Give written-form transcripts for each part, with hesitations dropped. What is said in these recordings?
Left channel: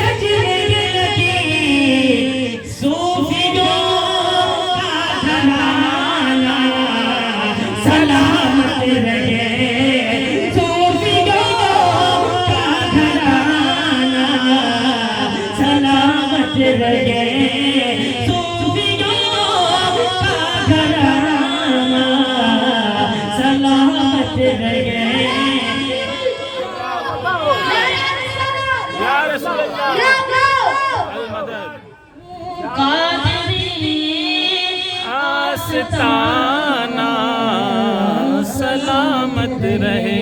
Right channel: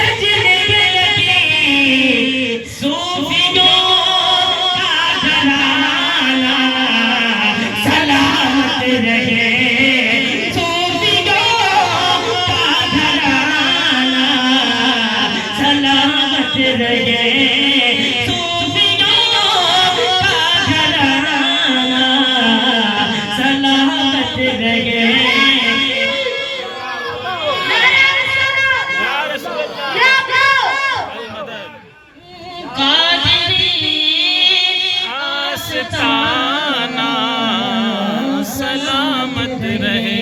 सजने रहे सलामत रहे। आस्ताना सलामत रहे।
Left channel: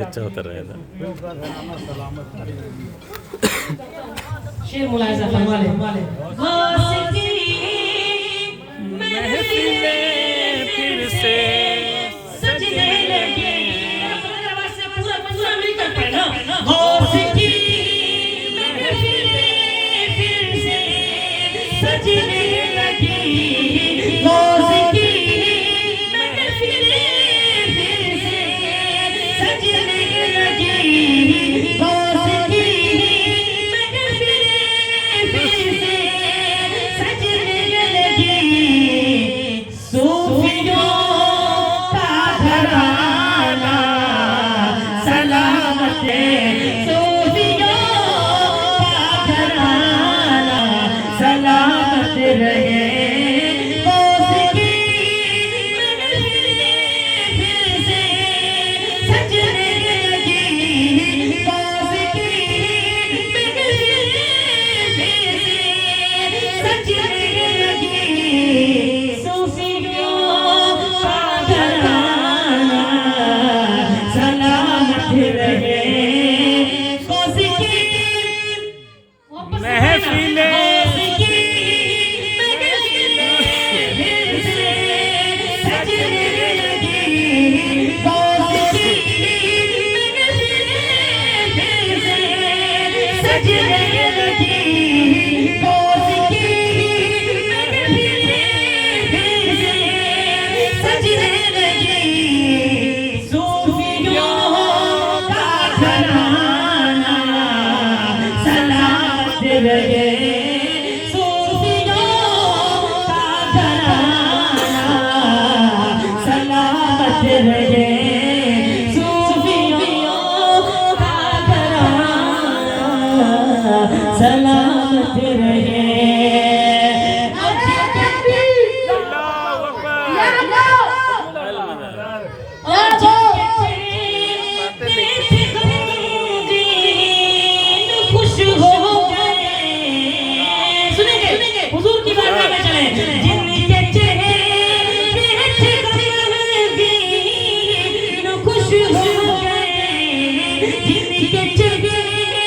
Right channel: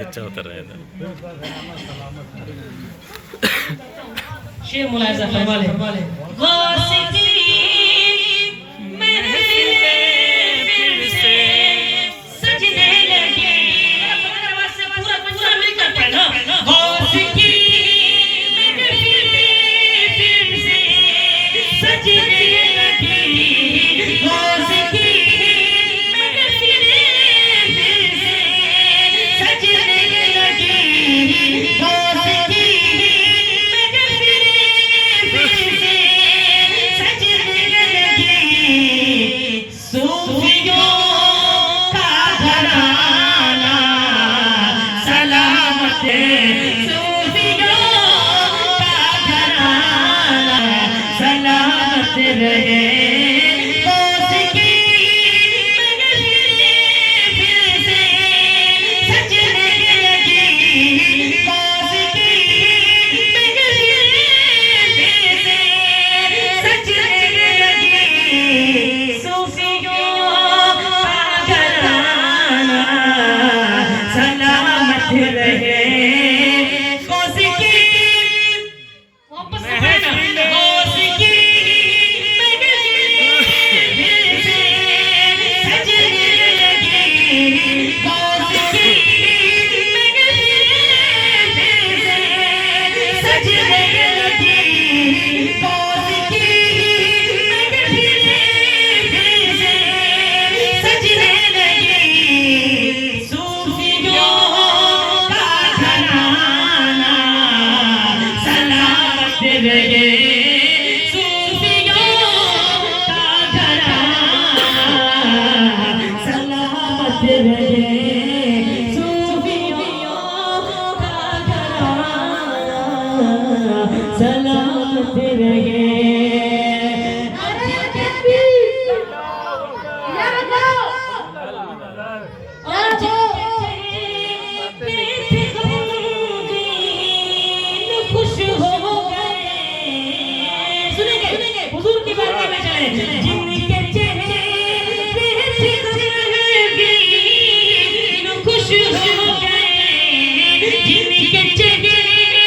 अच्छा होता रहेगा। शेर मुलाहिजा फरमा ले। सलामत रहे। खुश हो सुनेंगे हुजूर की बात में चले। जिनके चेहरे खुश हो जिनके चेहरे रहे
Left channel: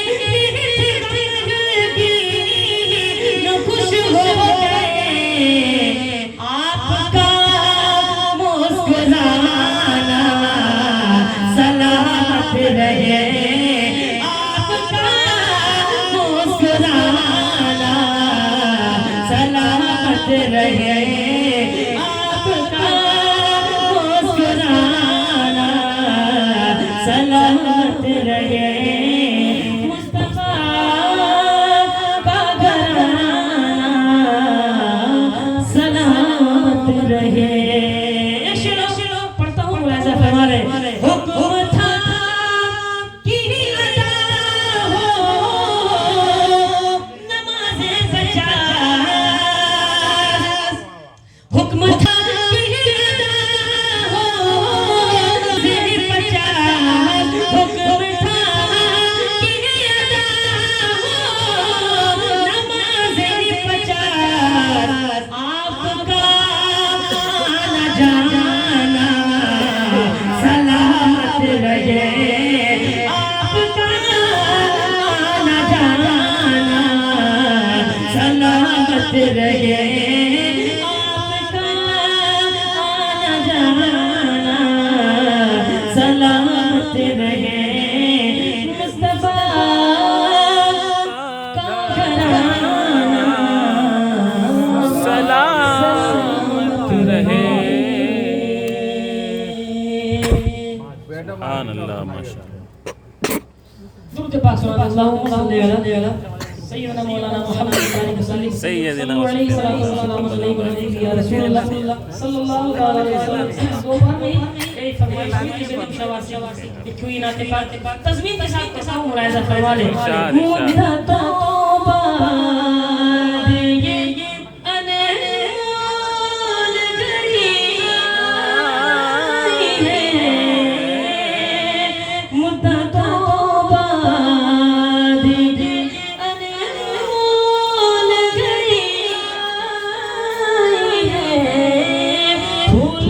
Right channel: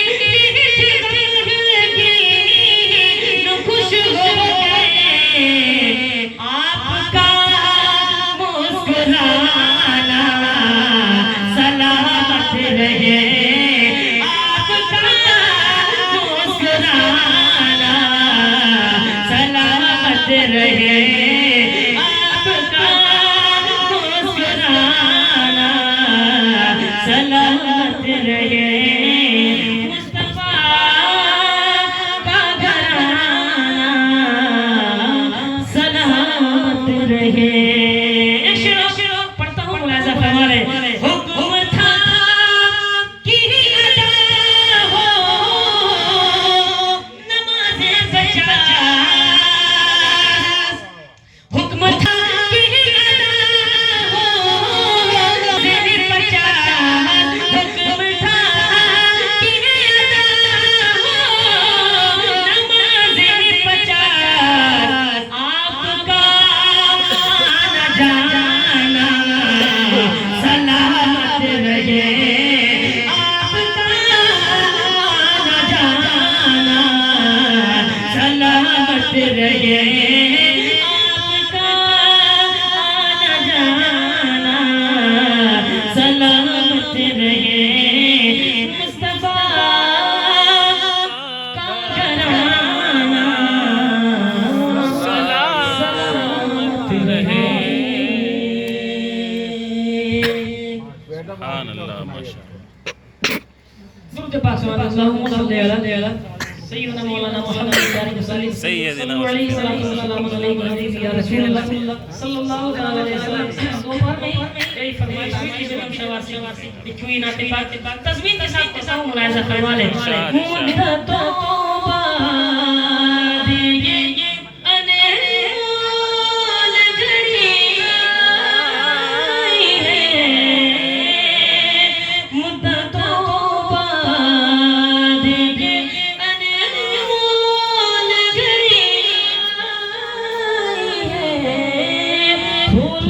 आपका मुस्कुराना सलामत रहे। मुस्तफा का घराना सलामत रहे। शेरो पढ़ता हूँ मुलाहिजा फरमा ले। हुक्म था कि अदा हो नमाज़े बचा। हुक्म था कि अदा हो नमाज़े बचा। हुक्म था कि अदा हो नमाज़े बचा। आपका आना जाना सलामत रहे। आपका आना जाना सलामत रहे। आपका आना जाना सलामत रहे। मुस्तफा का घराना सलामत रहे। दुरूद पाक सल्लल्लाहु अलैहि सय्यदना मौलाना मुहम्मद सैयदना या रसूलुल्लाह सल्लल्लाहु अलैहि वसल्लम। दोपहर में फरमाइश हुई थी बेगम शवासी लिखी हुई नाते पाक तस्वीर के साथ मुलाहिजा फरमा ले मुद्दा तौबा दे ये अनमोल घड़ी आई है मुद्दा तौबा दे ये अनमोल घड़ी आई है फूल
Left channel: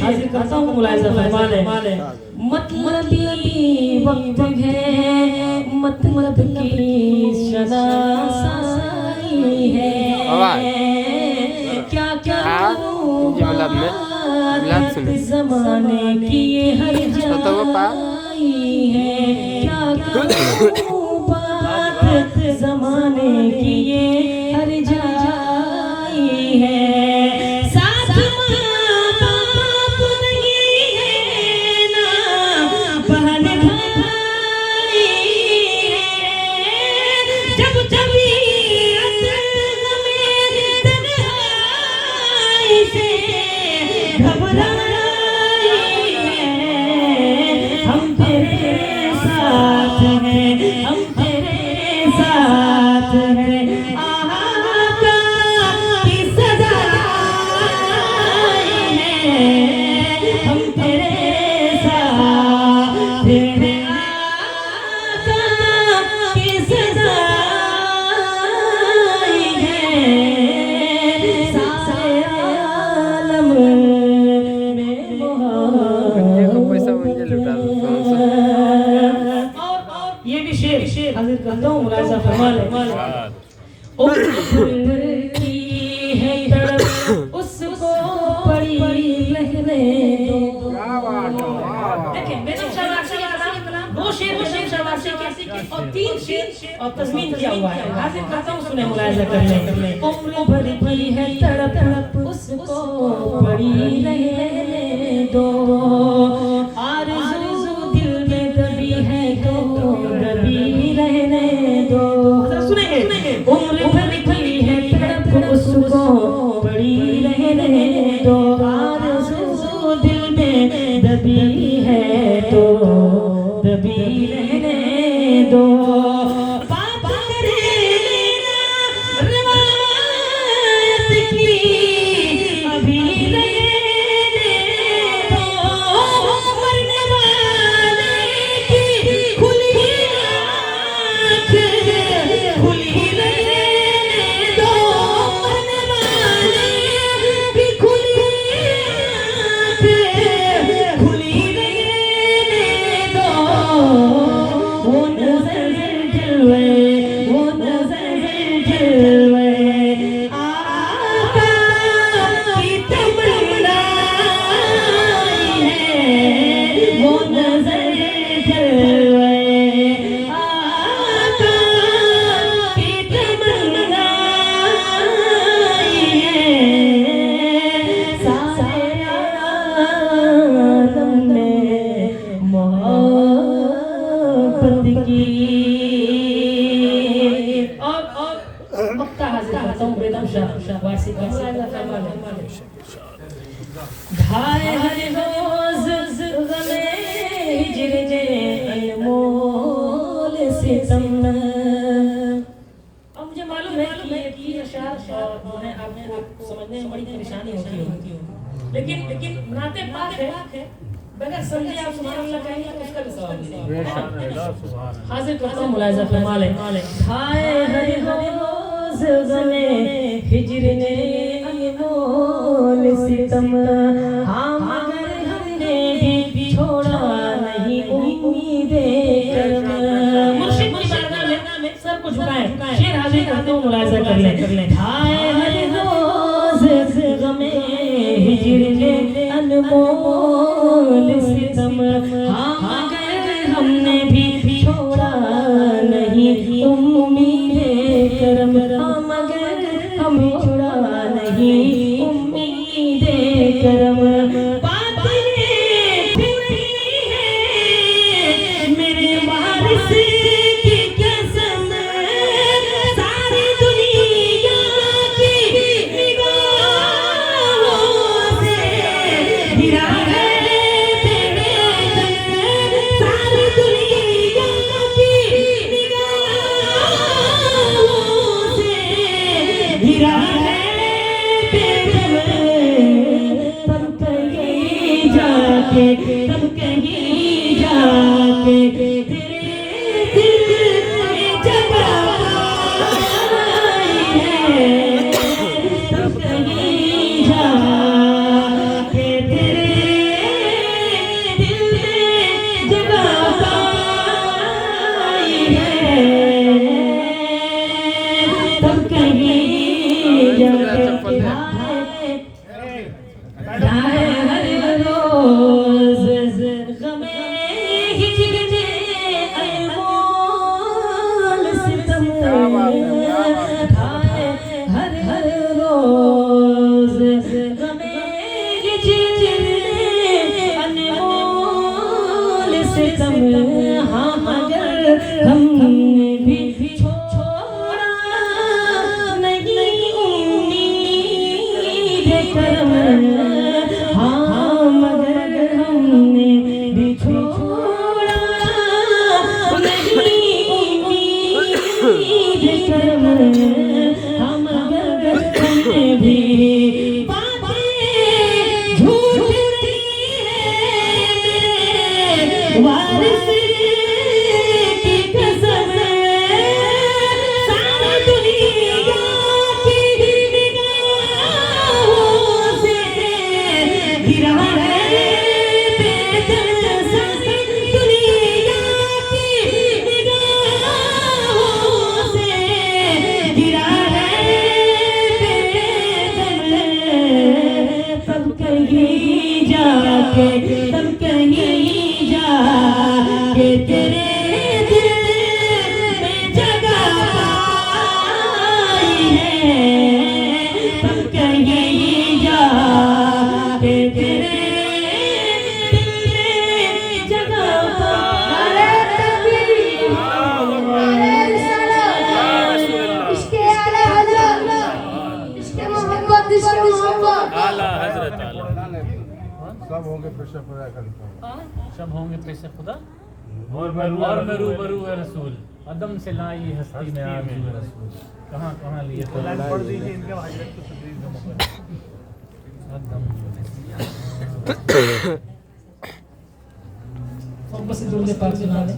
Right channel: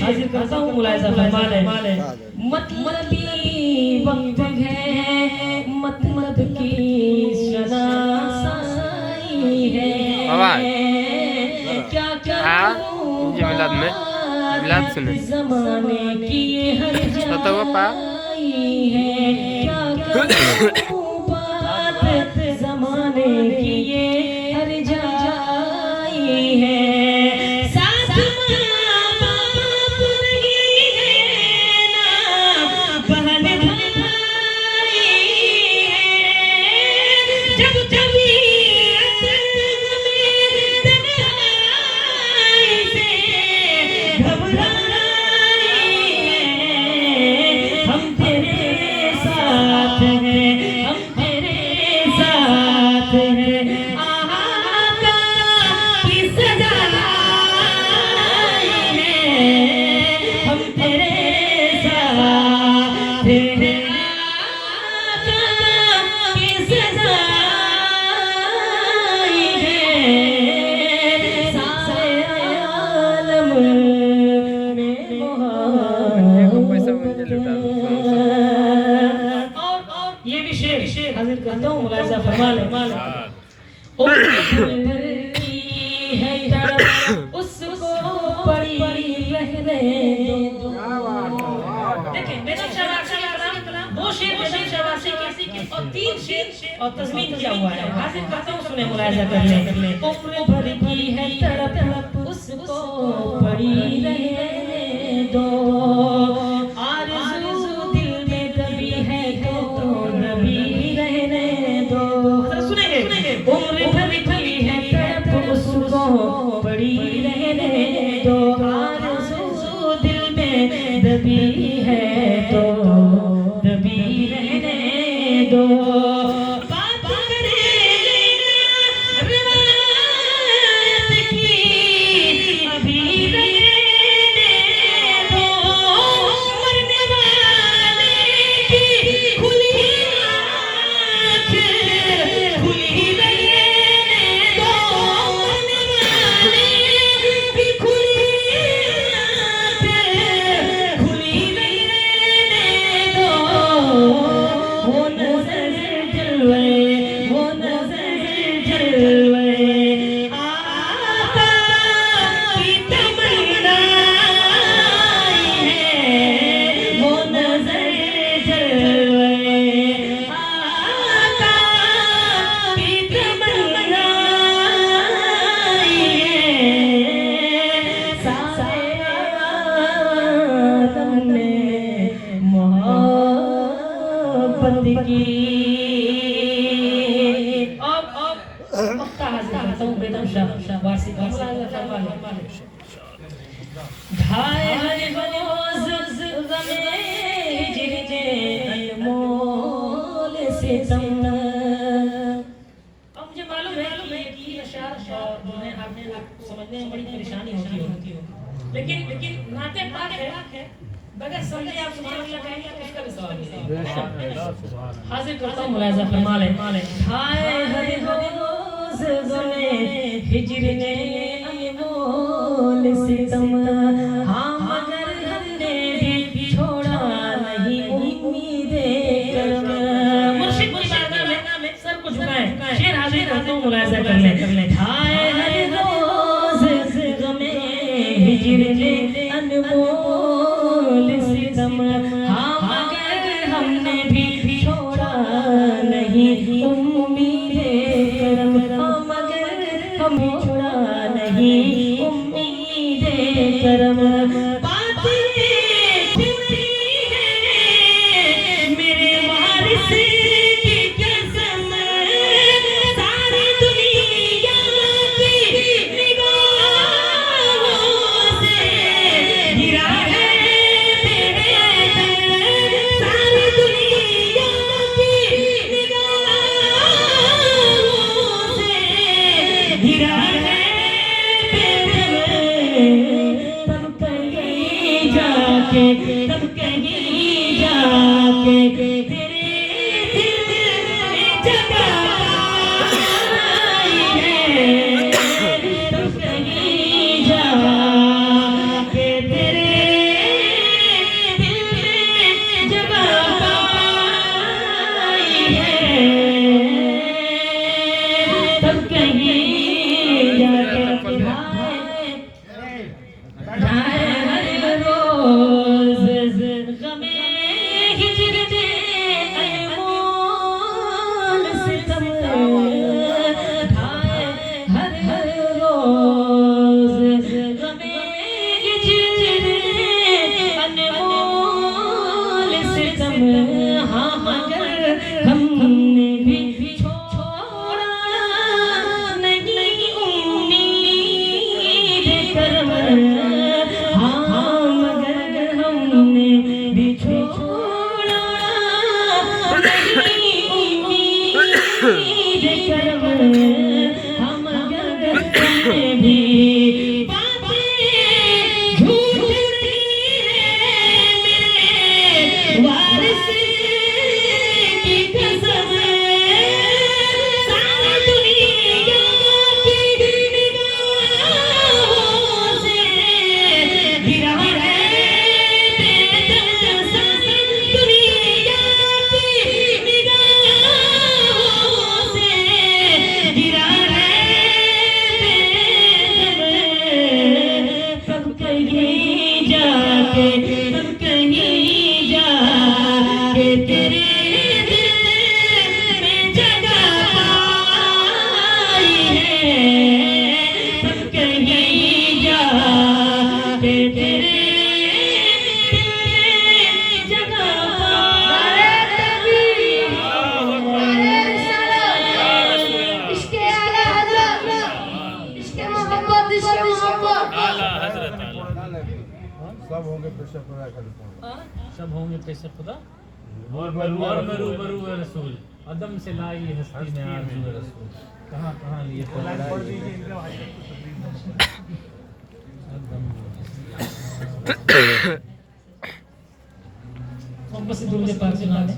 हाजिर करता हूँ मुलाहिजा फरमा ले मतलबी वक्त है मतलब की शनासाई है क्या क्या ये मिलाद में मिलाद सुने ज़माने की ये हर जाई है क्या क्या बात ज़माने की ये हर जाई है हाजिर करता हूँ मुलाहिजा फरमा ले है तड़प उसको पड़ी रहने दो देखिए बेगम शवासी दो शेर बेगम शवासी के और तीन शेर और तस्मीन किया हुआ है हाजिर करता हूँ सुने मुलाहिजा कर ले उम्र भर की है तड़प उसको पड़ी रहने दो आरज़ू दिल में दबी है तो दबी रहने दो सुनेंगे उम्र भर की है तड़प उसको पड़ी रहने दो आरज़ू दिल में दबी है तो दबी रहने दो बात करे रिवायत की अभी रहने दो मरने वाले की खुली आँख खुली रहने दो मरने वाले की खुली आँख खुली रहने दो वो नज़र जलवे आका की तमन्नाई है वो नज़र जलवे आका की तमन्नाई है सारे आलम में मोहब्बत की और वक्ता हाजिर करता हूँ बेगम शवासी ढाए हर रोज ग़मे नाते पाक है बगैर समझे आप सुभान अल्लाह कहेंगे तो उसका भी सवाब मिलेगा। हाजिर करता हूं मुलाहिजा फरमा ले खाए हर रोज गमे हिजर ने अनमोल सितम हाँ मगर हमने भी छोड़ा नहीं उम्मीदे करम। मुर्शिद की बारगाह में सर को झुकाए शेर हाजिर करता हूं मुलाहिजा कर ले खाए हर रोज गमे हिजर ने अनमोल सितम हाँ मगर हमने भी छोड़ा नहीं उम्मीदे करम। हाँ मगर हम छोड़ा नहीं उम्मीदे करम। बातें छुपी है मेरे वारिस की कसम सारी दुनिया की निगाहों से गिरा है तेरे दम सारी दुनिया की निगाहों से गिरा है तेरे दम। तब कहीं जाके तेरे दिल में जगह आई है। तब कहीं जाके तेरे दिल में जगह पाई है। तब कहीं जाके हर रोज गमे हिजर ने अनमोल सितम खाए हर रोज गमे हिजर ने अनमोल सितम हाँ मगर हमने भी छोड़ा नहीं उम्मीद करम। हाँ मगर हमने भी छोड़ा नहीं उम्मीद करम। हाँ मगर हमने भी बातें झूठ रही है मेरे वारिस की कसम सारी दुनिया की निगाहों से गिरा है बेदर्द दुनिया की निगाहों से गिरा है बेदर्द। कब कहीं जाके तेरे दिल में जगह आई है। तब कहीं जाके तेरे दिल में जगह इसके आला हजरत इसके मोहब्बत आला हजरत सब होंगे पेशा खुदा करता हूँ। सब होंगे पेश खुदा और मैं रूबरू है रसूल अदम से लाई हस्ती में आरज़ू है रसूल। कहाँ कहाँ लिए तो पढ़ दीजिए इनके हजरत को तकरीर अदम बस दूर से पास चला दे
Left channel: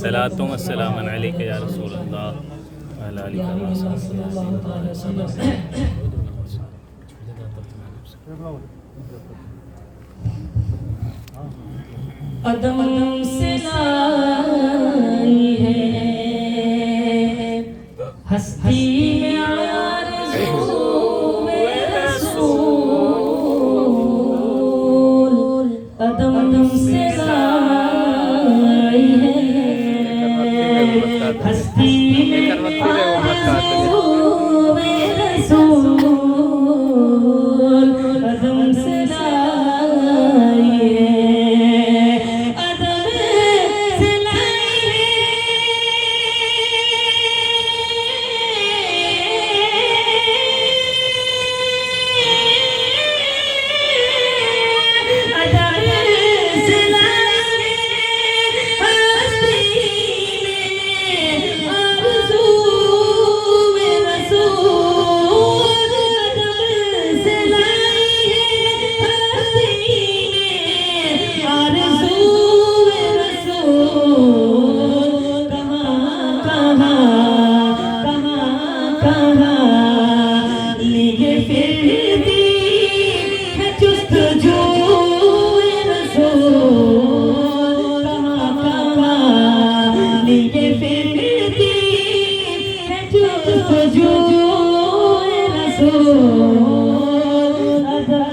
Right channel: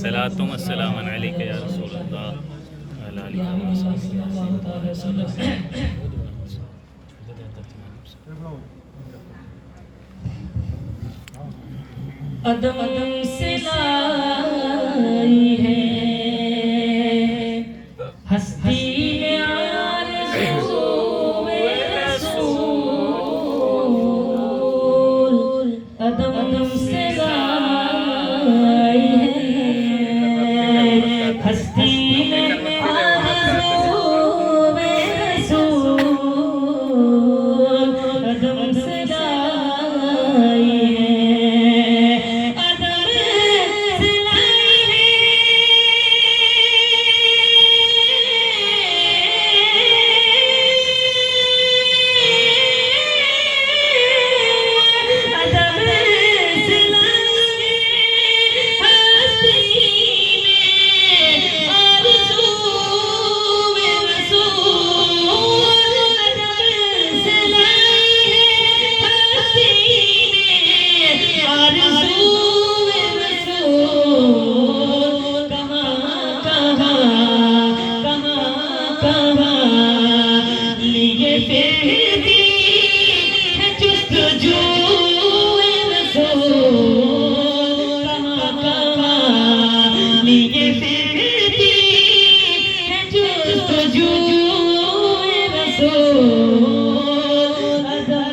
सलातो व सलाम अलैका या रसूल अल्लाह अला आलिका व अदम से लाई है हस्ती में आरज़ू में रसूल। अदम से लाई है हस्ती में आरज़ू में रसूल। अदम से लाई है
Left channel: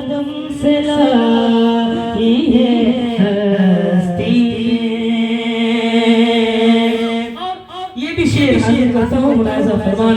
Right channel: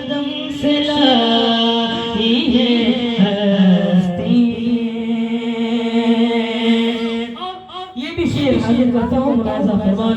कदम से लाई है हस्ती। और ये भी शेर हाजिर करता हूँ, मुलाहिजा फरमाना।